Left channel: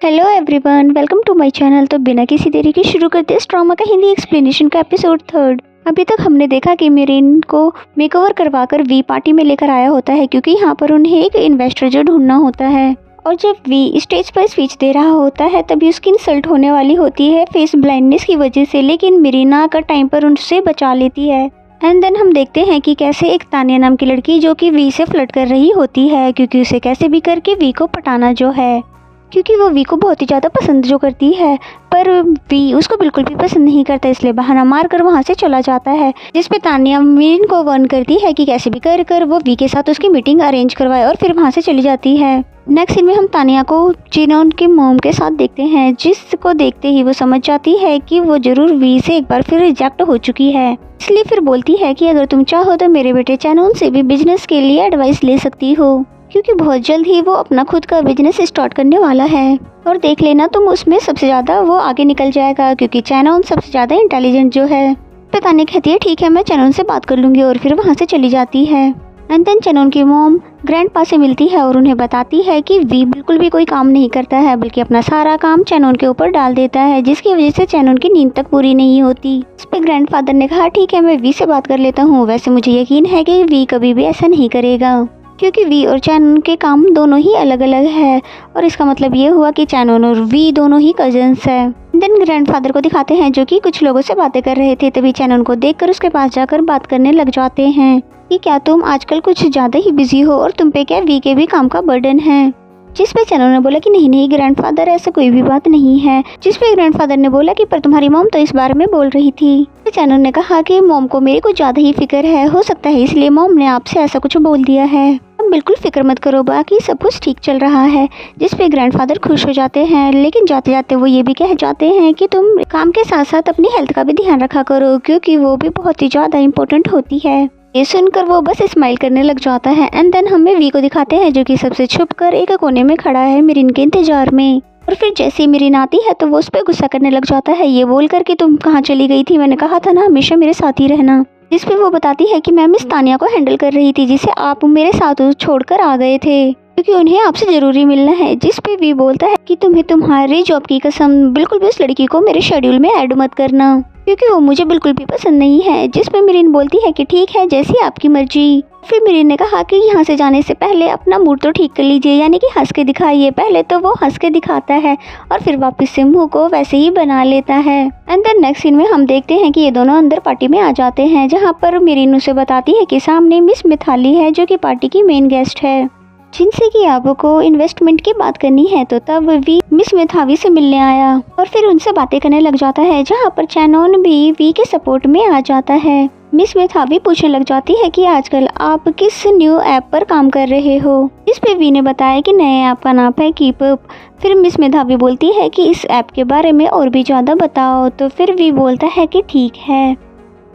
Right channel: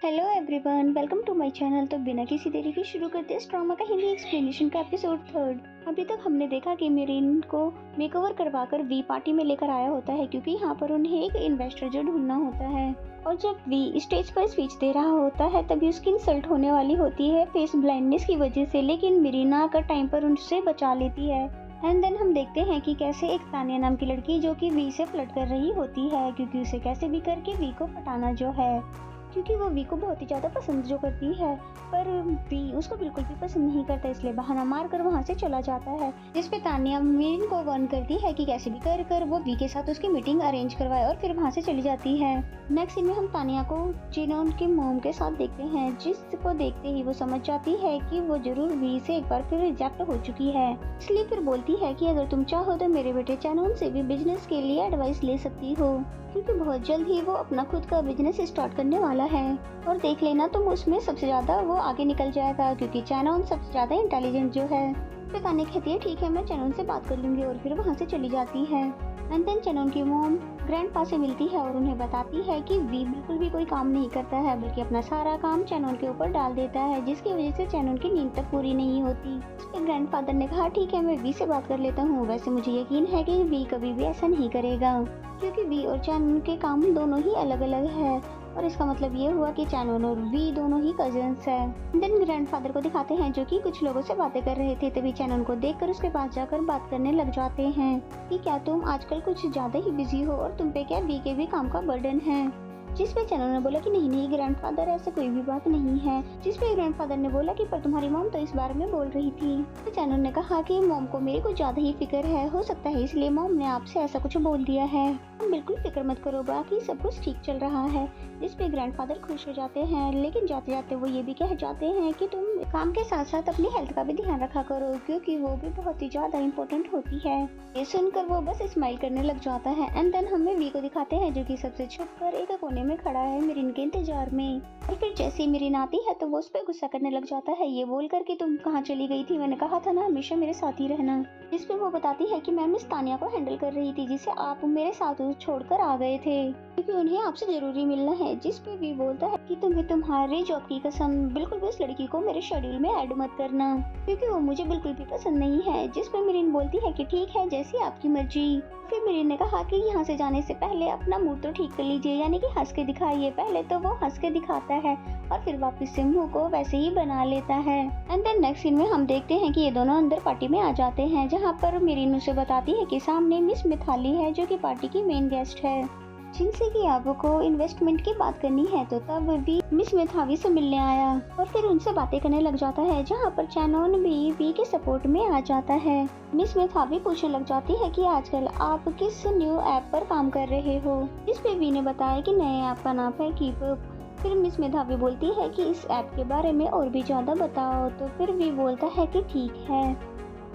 Hello everyone, welcome to my channel. तो बिना किसी देरी के शुरू करते इस ड्रामा का हिंदी एक्सप्लेनेशन का एपिसोड 3। अभी तक हमने देखा कि मेरिन को मेकओवर करवाकर वी पार्टी में लेकर आया होता है क्योंकि यहाँ पर उन्हें एक इन्वेस्टर जो ढूंढना होता है। और जब वी स्टेज पर स्पीच दे रहा होता है तभी उसकी इंसल्ट होने वाली होती है फेस ब्लाइंडनेस की वजह से, लेकिन मेरिना आकर टाइम पर उनसे बचा लेती है। एंड देन हम देखते हैं कि कैसे एक तानिया नाम की लड़की जो कि वी से फ्लर्ट कर रही होती है क्योंकि उसे कैसे भी करके वी को पटाना जो है, क्योंकि वो वी को बहुत ही ज़्यादा पसंद जो करती है, पर वी उसको बिल्कुल भी पसंद नहीं करता, इसलिए बहाना मार कर वहाँ से चला जाता है। जिस पे तानिया मेरिन को वार्न करती है कि कैसे भी कर वो वी के साथ उसकी मीटिंग अरेंज करवाए और फिर वहाँ से चली जाती है। नेक्स्ट सीन में हम तानिया को जिनोन के मोम के साथ देखते हैं, जिसको देखते ही वो समझ जाती है कि वो जरूर वी से एक बार फिर रिजेक्ट हो चुकी है। इसलिए फिर बोलती है कि अगर तुम चाहो तो मेरे बेटे चैनोन से भी बिजनेस के लिए एडवाइस ले सकती हो, क्योंकि बहुत जल्द ही वो अपना खुद का बिजनेस स्टार्ट करने वाला है और देख लेना तुम उसमें सबसे ज़्यादा वो आगे निकल जाएगा, क्योंकि चैनोन सबसे ज़्यादा इंटेलिजेंट जो है। तानिया कहती है ठीक है, मैं चैनोन से बात कर लूँगी और फिर वहाँ से चली जाती है। एंड देन चैनोन की मॉम ग्रैंडपा से मिलती है और उन्हें बताती है कि वी बिल्कुल भी कोई काम नहीं करता है, बल्कि अपना सारा काम चैनोन के ऊपर डाल देता है, जिसकी वजह से चैनोन की नींद तक पूरी नहीं होती। इस पे ग्रैंडफादर ने कहा ठीक है, मैं वी से बात कर लेता हूँ। वैसे मुझे यकीन है कि वी कभी भी ऐसा नहीं करेगा, क्योंकि वी और चैनोन के काम दोनों ही अलग अलग है और इसका मतलब ये हुआ कि चैनोन और वी दोनों ही कजन्स है। देन ग्रैंडफादर को दिखाते हैं जो कि कुछ लोगों से बातें कर रहे थे, तभी चैनोन को देखकर उसके पास जाकर बात करने लग जाते हैं कि क्या तुम आजकल कुछ ज़्यादा ही बिजी हो और तुम पे क्या वी के भी काम का बर्डन है। जिस पे चैनोन ने बोला कि नहीं ग्रैंडफादर, ऐसा कोई भी बात नहीं है। जिस पे ग्रैंडफादर ने बोला कि पर तुम्हारी मॉम तो इस बारे में बोल रही थी। तो चैनोन ने कहा कि मॉम को मेरी कुछ ज़्यादा ही फिक्र है, हो सकता है इसलिए मॉम ने आपसे ऐसा कुछ बोल दिया है। अब बिल्कुल फिक्र मत करो, बाकी सब कुछ ठीक चल रहा है। जिस पे ग्रैंडफादर खुश हो जाते हैं, लेकिन जाते जाते वो ये भी कह जाते हैं कि तुम काम के साथ साथ अपनी हेल्थ का भी ध्यान रखा करो, क्योंकि वो भी बहुत ही ज़्यादा इम्पोर्टेंट होती है। ये सुनकर वो बस स्माइल करने लग जाता है। एंड देन हमें वी को दिखाते हैं जो कि सबसे छुपकर एक कोने में खड़ा है मेरिन के इंतजार में। और फिर जैसे ही मेरिन आती है तो वो उस पर गुस्सा करने लग जाता है, ये बोल कर कि तुम कहाँ चली गई थी, मैंने कहा था ना हमेशा मेरे साथ ही रहना। जिस पे वो बताती है कि मैं मिस तानिया को हैंडल कर रही थी, जिसे आप मेरे साथ छोड़कर आ गए थे क्योंकि उन्हें आपसे जरूरी मिलना है। जिस पे वी बोलता है कि तुम्हें तुम्हारी जॉब की कसम, बिल्कुल भी उस लड़की को मेरे शेड्यूल में ऐड मत करना, क्योंकि वो मुझे बिल्कुल भी पसंद नहीं है। जिस पे मेरिन बोलती है कि ठीक है, जैसी आपकी मर्जी। फिर मेरिन ने कहा कि यहाँ से जाने से पहले अपना मूड तो ठीक कर लीजिए, यानी कि हंस के दिखाइए। पहले तो वो हंस के दिखाता है और फिर वापस से मुंह को वैसे ही बना लेता है। एंड देन नेक्स्ट सीन में हम देखते हैं कि ये दोनों अंदर पार्टी में आ जाते हैं, जहाँ पर मेरिन उसे बताती है कि सामने मिस मिथाली है जो कि पार्टी की मेन गेस्ट है, जिनसे कि आपको इन्वेस्टमेंट की बात करनी है। तो तब वी मिस मेथावी से मिलने आया और फिर उनसे बातें करने लग जाता है, जहाँ पर चैनोन भी वी के सपोर्ट में आ जाता है। मिस मेथावी पूछने लग जाती है कि आजकल आप किस न्यू ऐप पर काम कर रहे हो। इस पे वी ने बताया कि नए ऐप का नाम है कीप अप। फिर मिस मेधावी बोलती है कि इस ऐप के बारे में और भी ज़्यादा बताओ। तो फिर वी बोलता है कि ठीक है,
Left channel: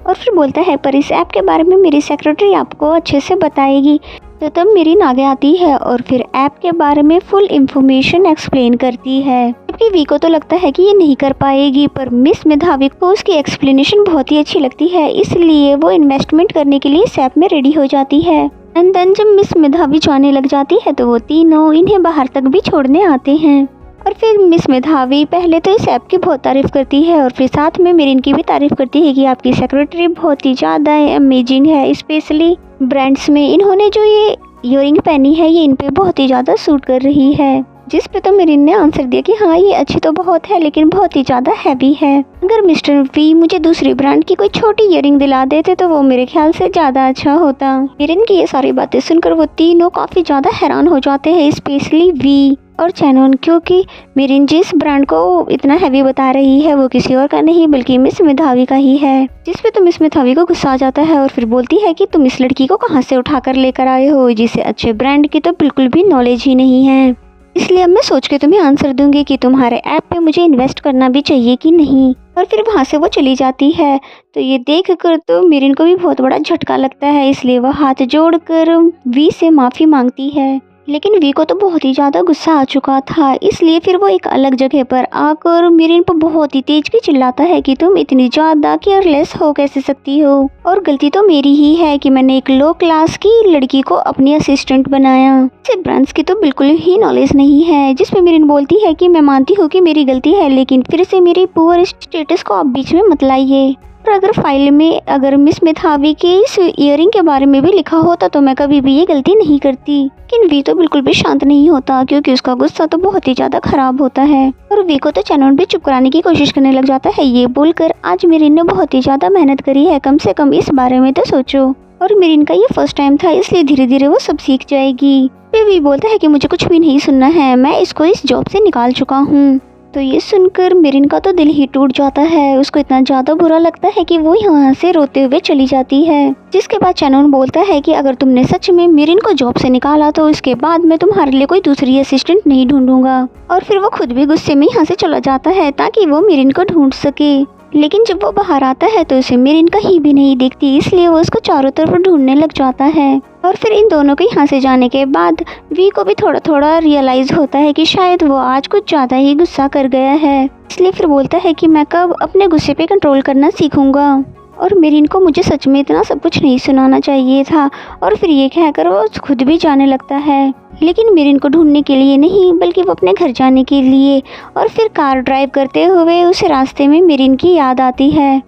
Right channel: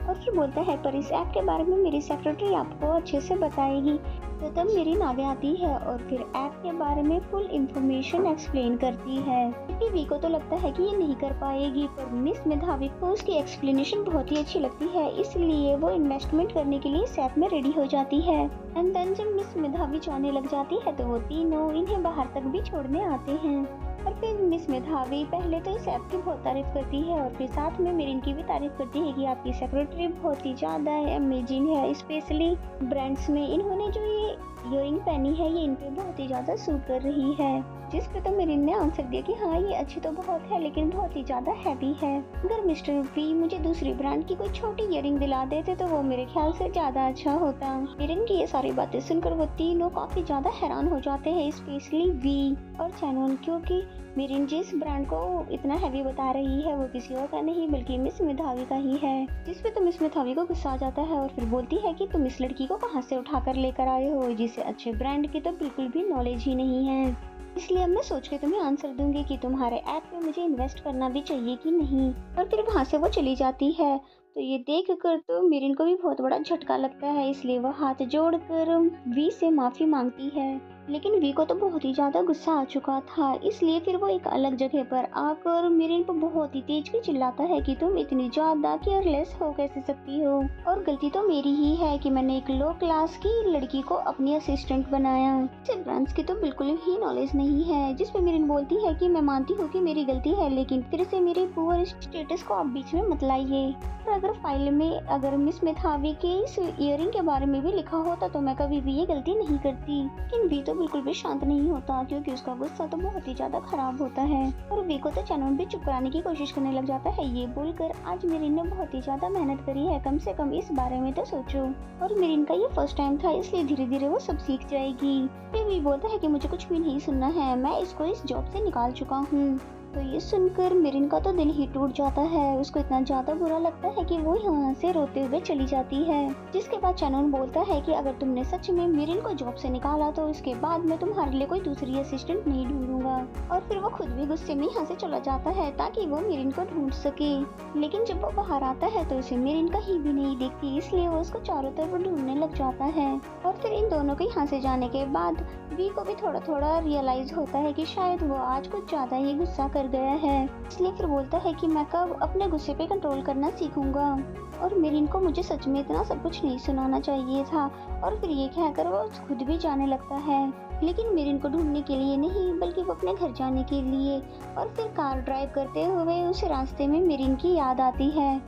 और फिर बोलता है पर इस ऐप के बारे में मेरी सेक्रेटरी आपको अच्छे से बताएगी। तो तब मेरी नागे आती है और फिर ऐप के बारे में फुल इंफॉर्मेशन एक्सप्लेन करती है, जबकि वी को तो लगता है कि ये नहीं कर पाएगी, पर मिस मेधावी को उसकी एक्सप्लेनेशन बहुत ही अच्छी लगती है, इसलिए वो इन्वेस्टमेंट करने के लिए इस ऐप में रेडी हो जाती है। एंड देन जब मिस मेधावी जाने लग जाती है तो वो तीनों इन्हें बाहर तक भी छोड़ने आते हैं। और फिर मिस मेधावी पहले तो इस ऐप की बहुत तारीफ़ करती है और फिर साथ में मेरिन की भी तारीफ़ करती है कि आपकी सेक्रेटरी बहुत ही ज़्यादा अमेजिंग है, स्पेशली ब्रांड्स में इन्होंने जो ये ईयरिंग पहनी है ये इन पे बहुत ही ज़्यादा सूट कर रही है। जिस पे तो मेरिन ने आंसर दिया कि हाँ ये अच्छी तो बहुत है, लेकिन बहुत ही ज़्यादा हैवी है। अगर मिस्टर वी मुझे दूसरी ब्रांड की कोई छोटी ईयरिंग दिला देते तो वो मेरे ख्याल से ज़्यादा अच्छा होता। मेरिन की ये सारी बातें सुनकर वो तीनों काफ़ी ज़्यादा हैरान हो जाते हैं, स्पेशली वी और चैनोन, क्योंकि मेरिन जिस ब्रांड को इतना हैवी बता रही है वो किसी और का नहीं बल्कि मिस मेधावी का ही है। जिस पे तो मिस मेधावी को गुस्सा आ जाता है और फिर बोलती है कि तुम इस लड़की को कहाँ से उठा कर लेकर आए हो, जिसे अच्छे ब्रांड की तो बिल्कुल भी नॉलेज ही नहीं है। इसलिए अब मैं सोच के तुम्हें आंसर दूंगी कि तुम्हारे ऐप पे मुझे इन्वेस्ट करना भी चाहिए कि नहीं। और फिर वहाँ से वो चली जाती है। तो ये देख कर तो मेरिन को भी बहुत बड़ा झटका लगता है, इसलिए वह हाथ जोड़कर वी से माफ़ी मांगती है। लेकिन वी को तो बहुत ही ज़्यादा गुस्सा आ चुका था, इसलिए फिर वो एक अलग जगह पर आकर मिरिन पर बहुत ही तेज की चिल्लाता है कि तुम इतनी ज़्यादा केयरलेस हो कैसे सकती हो, और गलती तो मेरी ही है कि मैंने एक लो क्लास की लड़की को अपनी असिस्टेंट बनाया। इसे ब्रांच की तो बिल्कुल ही नॉलेज नहीं है, जिसमें मिरिन बोलती है कि मैं मानती हूँ कि मेरी गलती है, लेकिन फिर से मेरी पुअर स्टेटस को आप बीच में मत लाइए। और अगर फाइल में अगर मिस मेधावी के इस इयरिंग के बारे में भी लिखा होता तो मैं कभी भी ये गलती नहीं करती। लेकिन वी तो बिल्कुल भी शांत नहीं होता, क्योंकि उसका गुस्सा तो बहुत ही ज्यादा खराब होता है, और वी को तो चैनन भी चुप कराने की कोशिश करने लग जाता है। ये बोलकर आज मिरिन ने बहुत ही ज्यादा मेहनत करी है, कम से कम इस बारे में तो सोचो। और मिरिन का ये फर्स्ट टाइम था, इसलिए धीरे धीरे वो सब सीख जाएगी। फिर वी बोलता है कि मुझे कुछ भी नहीं सुनना है, मैं इसको इस जॉब से निकाल चुका हूँ। तो ये सुनकर मिरिन का तो दिल ही टूट जाता है, उसको इतना ज्यादा बुरा लगता है कि वो यहाँ से रोते हुए चली जाती है। जिसके बाद चैनन बोलता है कि अगर तुमने सच में मिरिन को जॉब से निकाला तो इसके बाद मैं तुम्हारे लिए कोई दूसरी असिस्टेंट नहीं ढूंढूंगा। और फिर वो खुद भी गुस्से में यहाँ से चला जाता है ताकि वो मिरिन को ढूंढ सके। लेकिन जब वो बाहर आता है तो उसे मिरिन कहीं भी नहीं दिखती, इसलिए वो उसको चारों तरफ ढूंढने लग जाता है। और फिर इन दोनों के यहाँ से जाने के बाद वी को भी थोड़ा थोड़ा रियलाइज होता है कि शायद वो आज कुछ ज़्यादा ही गुस्सा कर गया है, इसलिए फिर बोलता है कि मैं कब अपने गुस्से पे कंट्रोल करना सीखूंगा। और मिरिन को मुझे सच में इतना सब कुछ नहीं सुनाना चाहिए था। और फिर ये कहकर वो खुद भी जाने लगता है, लेकिन मिरिन को ढूंढने के लिए नहीं बल्कि वो अपने घर जाने के लिए। और फिर कार ड्राइव करते हुए उसे रास्ते में मिरिन की याद आती है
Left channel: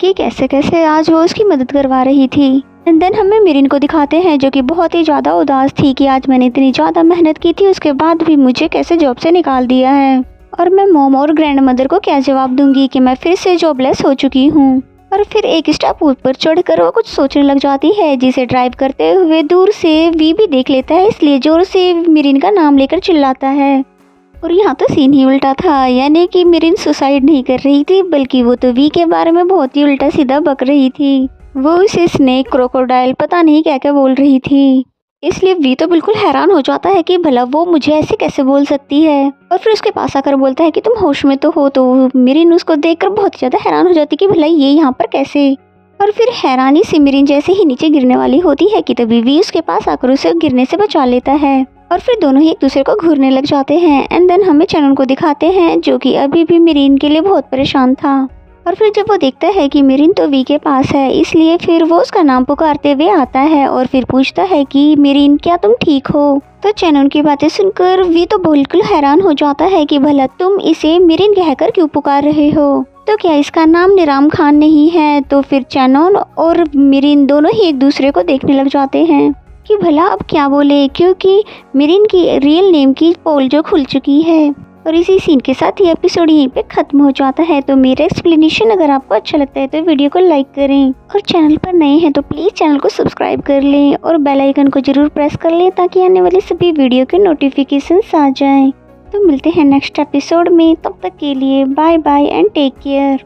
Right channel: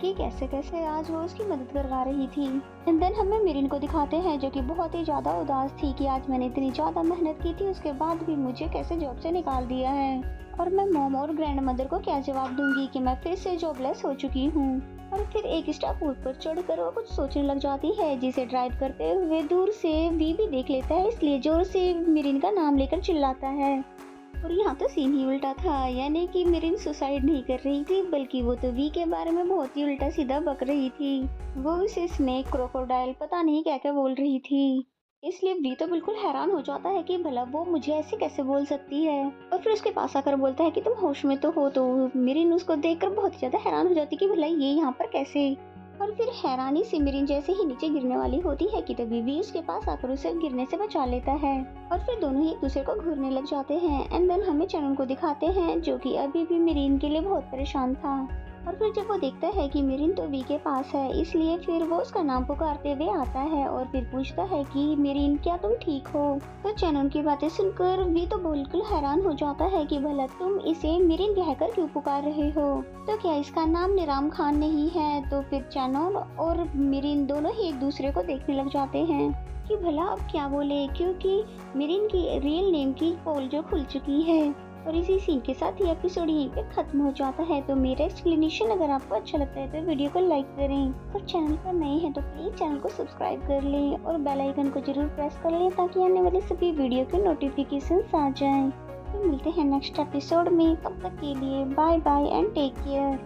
कि कैसे कैसे आज वो उसकी मदद करवा रही थी। एंड देन हमें मिरिन को दिखाते हैं जो कि बहुत ही ज़्यादा उदास थी कि आज मैंने इतनी ज़्यादा मेहनत की थी, उसके बाद भी मुझे कैसे जॉब से निकाल दिया है, और मैं मॉम और ग्रैंड मदर को क्या जवाब दूंगी कि मैं फिर से जॉबलेस हो चुकी हूँ। और फिर एक स्टेप ऊपर चढ़कर वो कुछ सोचने लग जाती है, जिसे ड्राइव करते हुए दूर से वी भी देख लेता है, इसलिए जोर से मिरिन का नाम लेकर चिल्लाता है। और यहाँ तो सीन ही उल्टा था, यानी कि मिरिन सुसाइड नहीं कर रही थी बल्कि वो तो वी के बारे में बहुत ही उल्टा सीधा बक रही थी। वो उसे स्नेक, क्रोकोडाइल, पता नहीं क्या क्या बोल रही थी। इसलिए वी तो बिल्कुल हैरान हो जाता है कि भला वो मुझे ऐसे कैसे बोल सकती है। और फिर उसके पास आकर बोलता है कि तुम होश में तो हो। तो मिरिन उसको देखकर बहुत ज़्यादा हैरान हो जाती कि भला ये यहाँ पर कैसे। और फिर हैरानी से मिरिन जैसे ही नीचे गिरने वाली होती है कि तभी वी उसके पास आकर उसे गिरने से बचा लेता है। और फिर दोनों ही एक दूसरे को घूरने लग जाते हैं। एंड देन हमें चैनन को दिखाते हैं जो कि अभी भी मिरिन के लिए बहुत परेशान था। और फिर जब वो देखता है कि मिरिन तो वी के पास है, इसलिए फिर वो उसका नाम पुकारते हुए आता है और फिर पूछता है कि मिरिन क्या तुम ठीक हो। तो चैनन की बातें सुनकर वी तो बिल्कुल हैरान हो जाता है कि भला तुम इसे मिरिन कहकर क्यों पुकार रहे हो, तो क्या इसका नाम निराम खान नहीं है। तो फिर चैनन और मिरिन दोनों ही एक दूसरे को देखने लग जाते हैं कि भला अब क्या बोले, क्योंकि मिरिन की रियल नेम की पोल जो खुल चुकी है। और इसी सीन के साथ ये एपिसोड यहीं पे खत्म हो जाता है। तो मेरा एक्सप्लेनेशन अगर आपको अच्छा लगता है तो वीडियो को लाइक करें, और चैनल पर नए हैं तो प्लीज़ चैनल को सब्सक्राइब कर लें और बेल आइकन को ज़रूर प्रेस कर लें ताकि आने वाली सभी वीडियो के नोटिफिकेशंस आ जाएं। तो मिलते हैं नेक्स्ट एपिसोड में, तब तक के लिए bye bye and take care.